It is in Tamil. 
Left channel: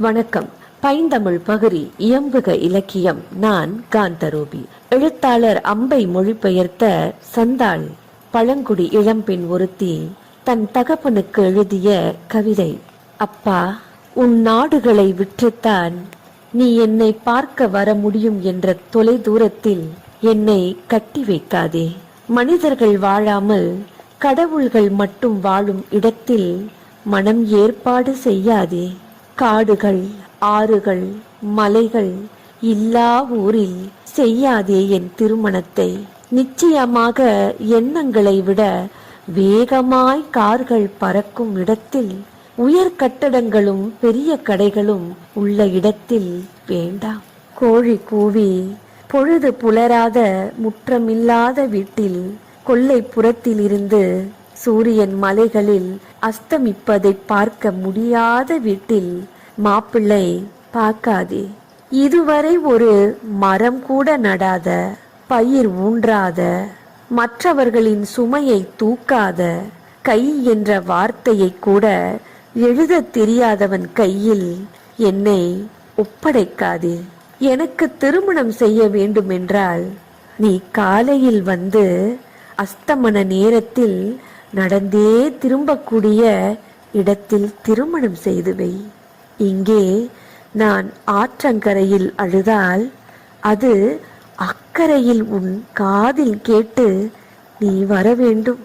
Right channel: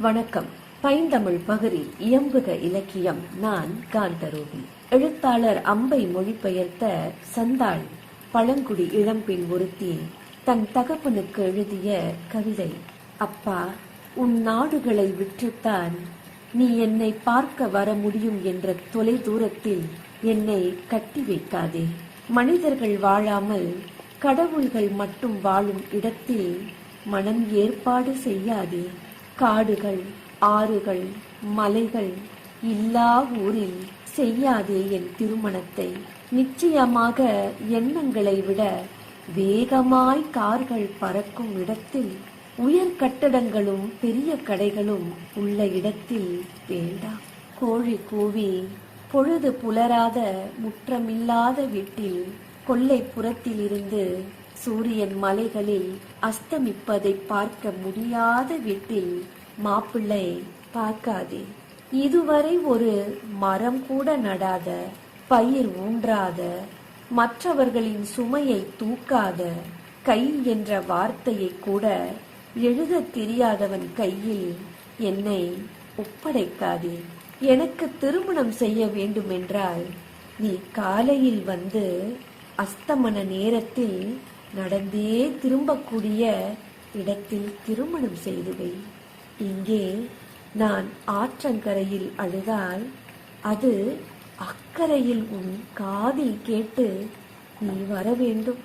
வணக்கம். பைந்தமிழ் பகுதி இயம்புக இலக்கியம். நான் காந்தரூபி. எழுத்தாளர் அம்பை மொழிபெயர்த்த சந்தாள் பழங்குடி இளம்பெண் ஒருத்தி தன் தகப்பனுக்கு எழுதிய கவிதை. அப்பா உன் நாடுகளை விற்றுத்தான் நீ என்னை பார்க்க வர முடியும் என்ற தொலை தூரத்தில் என்னை கட்டி வைக்காதே. மனிதர்கள் வாழாமல் கடவுள்கள் மட்டும் வாழும் இடத்தில் மனம் ஏற்பாடு செய்யாதே. காடுகள் ஆறுகள் மலைகள் இல்லா ஊரில் செய்யாதே என் திருமணத்தை. நிச்சயமாக எண்ணங்களை விட வேகமாய் கார்கள் பறக்கும் இடத்தில் உயர் கட்டடங்களும் பெரிய கடைகளும் உள்ள இடத்தில் வேண்டாம். கோழி கூவி பொழுது புலராத முற்றமில்லாத வீட்டில் கொல்லைப்புறத்தில் இருந்து சூரியன் மலைகளில் அஸ்தமிப்பதை பார்க்க முடியாத வீட்டில் மாப்பிள்ளை பார்க்காதே. இதுவரை ஒரு மரம் கூட நடாத பயிர் ஊன்றாத மற்றவர்களின் சுமையை தூக்காத கை என்ற வார்த்தையை கூட எழுதத் தெரியாதவன் கையில் என்னை ஒப்படைக்காதே. எனக்கு திருமணம் செய்ய வேண்டுமென்றால் நீ காலையில் வந்து அஸ்தமன நேரத்தில் நடந்தே திரும்பக்கூடிய இடத்தில் திருமணம் செய்துவை இங்கே நான் ஆற்றங்கரையில் அழுதால் அது அக்கறையில் உன் காதில் கேட்டு நீ வர வேண்டும்.